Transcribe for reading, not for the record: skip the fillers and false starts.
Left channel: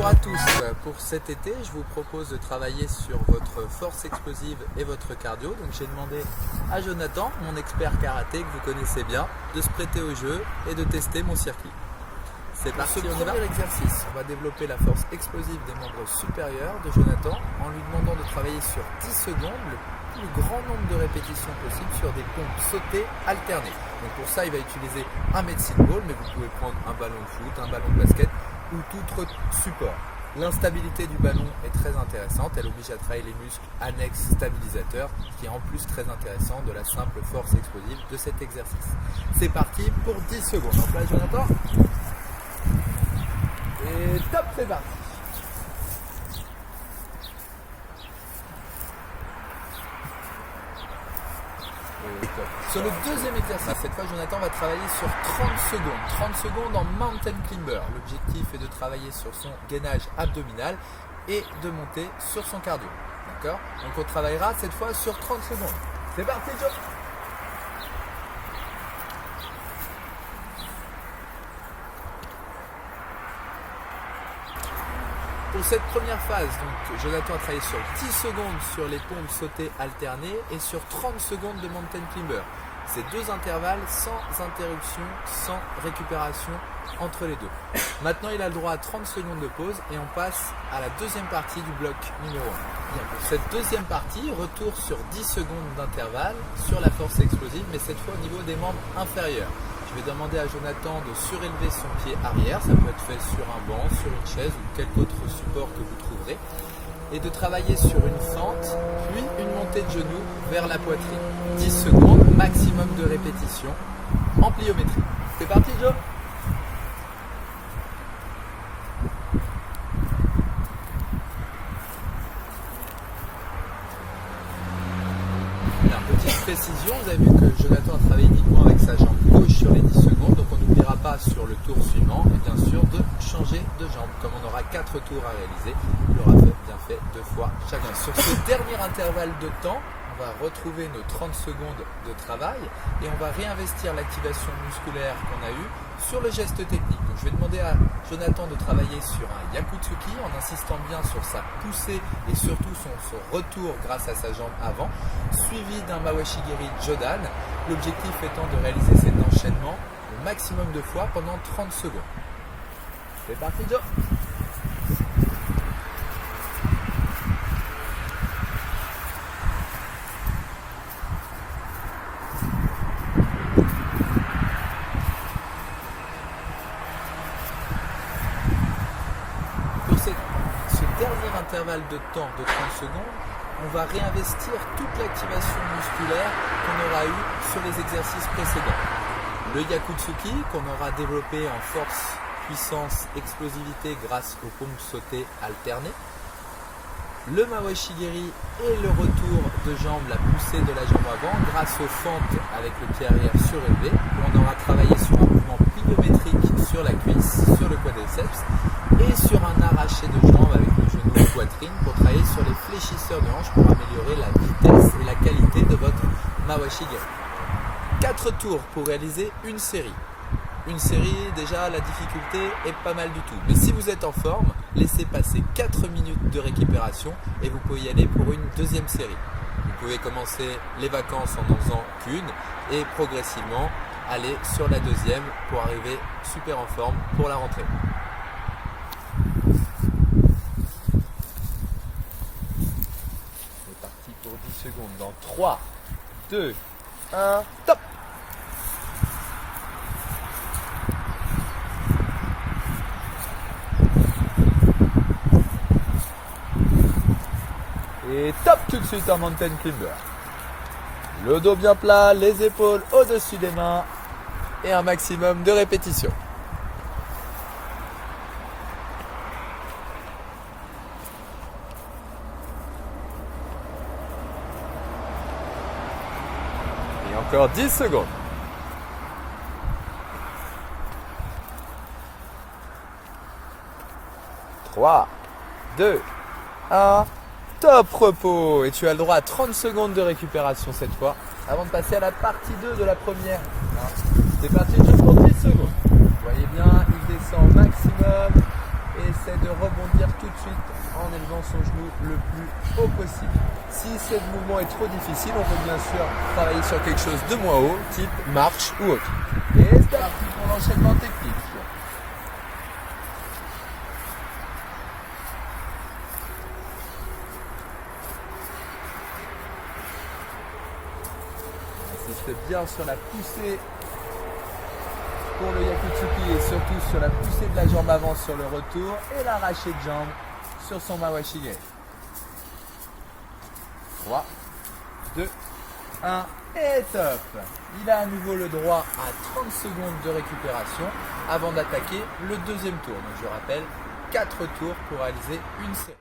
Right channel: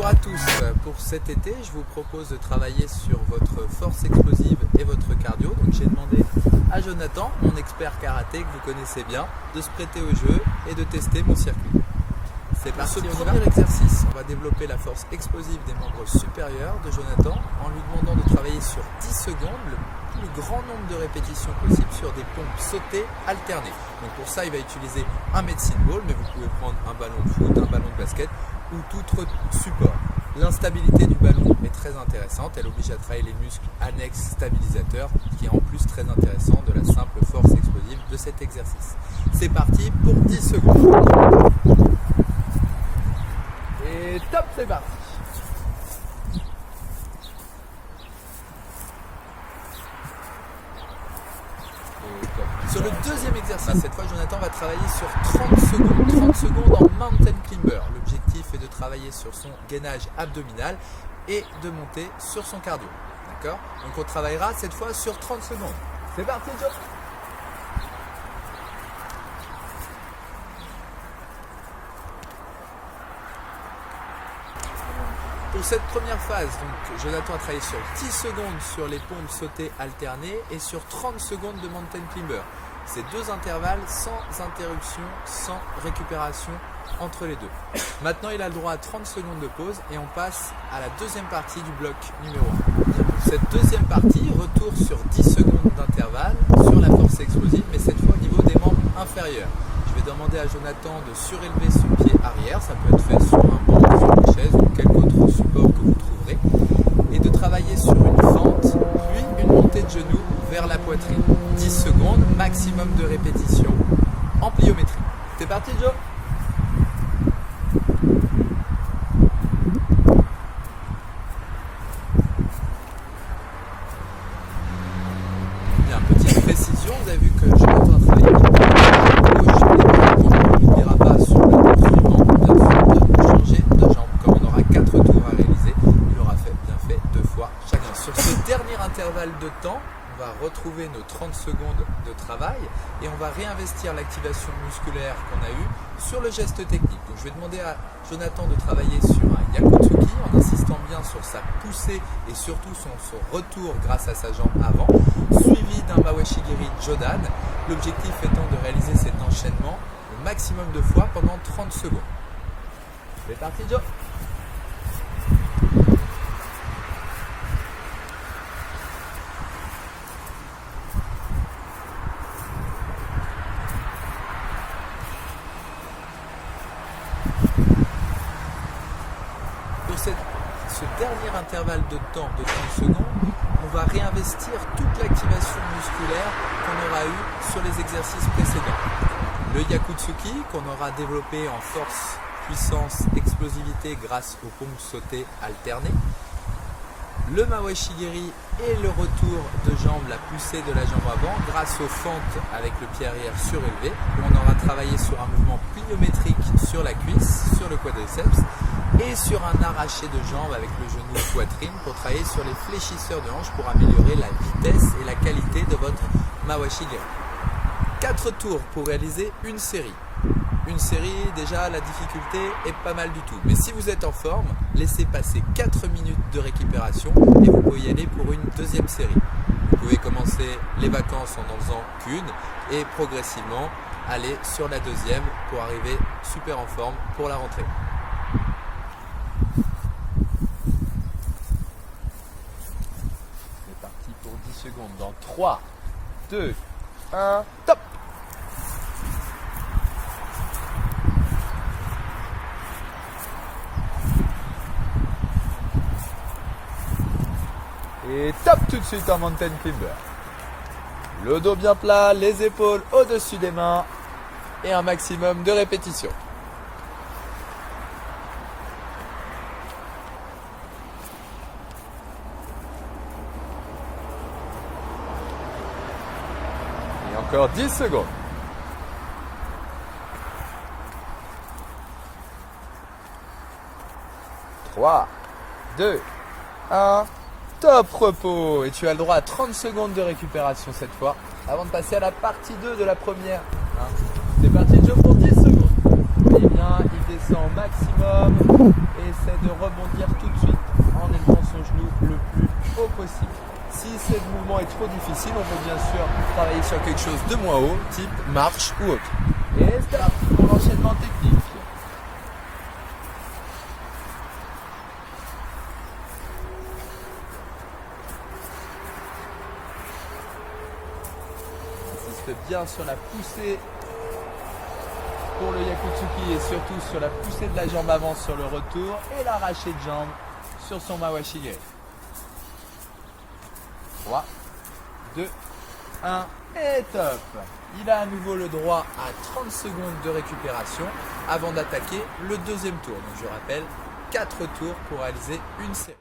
Bonjour à tous, pour cet été je vous propose de travailler sur votre force explosive et votre cardio. Donc j'ai demandé à Jonathan, mon expert karaté que vous connaissez bien, de se prêter au jeu et de tester mon circuit. C'est parti, on y va. Premier exercice, on va développer la force explosive des membres supérieurs de Jonathan en lui demandant de travailler sur 10 secondes le plus grand nombre de répétitions possible sur des pompes sautées alternées. Donc pour ça il va utiliser un medicine ball, mais vous pouvez prendre un ballon de foot, un ballon de basket ou tout autre support. L'instabilité du ballon est très intéressante, elle oblige à travailler les muscles annexes stabilisateurs, ce qui est en plus très intéressant de la simple force explosive de cet exercice. C'est parti pour 10 secondes. Et top, c'est parti. Sur le deuxième exercice, cette fois Jonathan va travailler sur 30 secondes. 30 secondes en mountain climber. L'objectif est de travailler sur son gainage abdominal et de monter sur son cardio. D'accord? Donc on travaillera cette fois sur 30 secondes. C'est parti Joe. Pour cette première phase, donc, Jonathan a travaillé sur 10 secondes sur les pompes sautées alternées et sur 30 secondes de mountain climber. Ces deux intervalles sans interruption, sans récupération entre les deux. Maintenant, il a le droit à 30 secondes de pause et on passe à la deuxième partie du bloc numéro 1. Pour cette deuxième partie, retour sur 10 secondes d'intervalle sur la force explosive, mais cette fois au niveau des membres inférieurs. Je vais demander à Jonathan de surélever son pied arrière, ça peut être fait sur un banc, sur une chaise ou quelque autre support que vous trouverez, et de travailler sur une fente, puis une montée de genoux vers la poitrine. 10 secondes, maximum de répétitions en pliométrie. C'est parti Joe? Bien, petite précision, vous avez vu que Jonathan a travaillé avec gauche et droite, donc il n'oubliera pas sur le tour suivant, bien sûr, de changer de jambe. Comme on aura 4 tours à réaliser, il aura bien fait 2 fois chacun. Sur ce dernier intervalle de temps, on va retrouver nos 30 secondes de travail et on va réinvestir l'activation musculaire qu'on a eue sur le geste technique. Donc je vais demander à Jonathan de travailler sur un Yakutsuki en insistant bien sur sa poussée et surtout son retour grâce à sa jambe avant, suivi d'un Mawashigiri Jodan, l'objectif étant de réaliser cet enchaînement le maximum de fois pendant 30 secondes. C'est parti Joe. Ce dernier intervalle de temps de 30 secondes, on va réinvestir toute l'activation musculaire qu'on aura eue sur les exercices précédents. Le Yakutsuki qu'on aura développé en force, puissance, explosivité grâce aux pompes sautées alternées. Le Mawashigiri et le retour de jambe, la poussée de la jambe avant grâce aux fentes avec le pied arrière surélevé où on aura travaillé sur un mouvement pliométrique sur la cuisse, sur le quadriceps et sur un arraché de jambe avec le genou poitrine pour travailler sur les fléchisseurs de hanches pour améliorer la vitesse et la qualité de votre Mawashigiri. 4 tours pour réaliser une série. Une série, déjà la difficulté est pas mal du tout. Mais si vous êtes en forme, laissez passer 4 minutes de récupération et vous pouvez y aller pour une deuxième série. Vous pouvez commencer les vacances en n'en faisant qu'une et progressivement aller sur la deuxième pour arriver super en forme pour la rentrée. C'est parti pour 10 secondes dans 3, 2, 1, top! Et top tout de suite en mountain climber. Le dos bien plat, les épaules au-dessus des mains et un maximum de répétitions. Et encore 10 secondes. Trois, 2, 1. Top repos. Et tu as le droit à 30 secondes de récupération cette fois avant de passer à la partie 2 de la première. C'est parti, Joe, pour 10 secondes. Vous voyez bien, il descend au maximum et essaie de rebondir tout de suite en élevant son genou le plus haut possible. Si ce mouvement est trop difficile, on peut bien sûr travailler sur quelque chose de moins haut, type marche ou autre. Et stop pour l'enchaînement technique. Insiste bien sur la poussée pour le Yakutsuki et surtout sur la poussée de la jambe avant sur le retour et l'arraché de jambe sur son Mawashige. 3, 2, 1 et top. Il a à nouveau le droit à 30 secondes de récupération avant d'attaquer le deuxième tour. Donc je rappelle, 4 tours pour réaliser une série.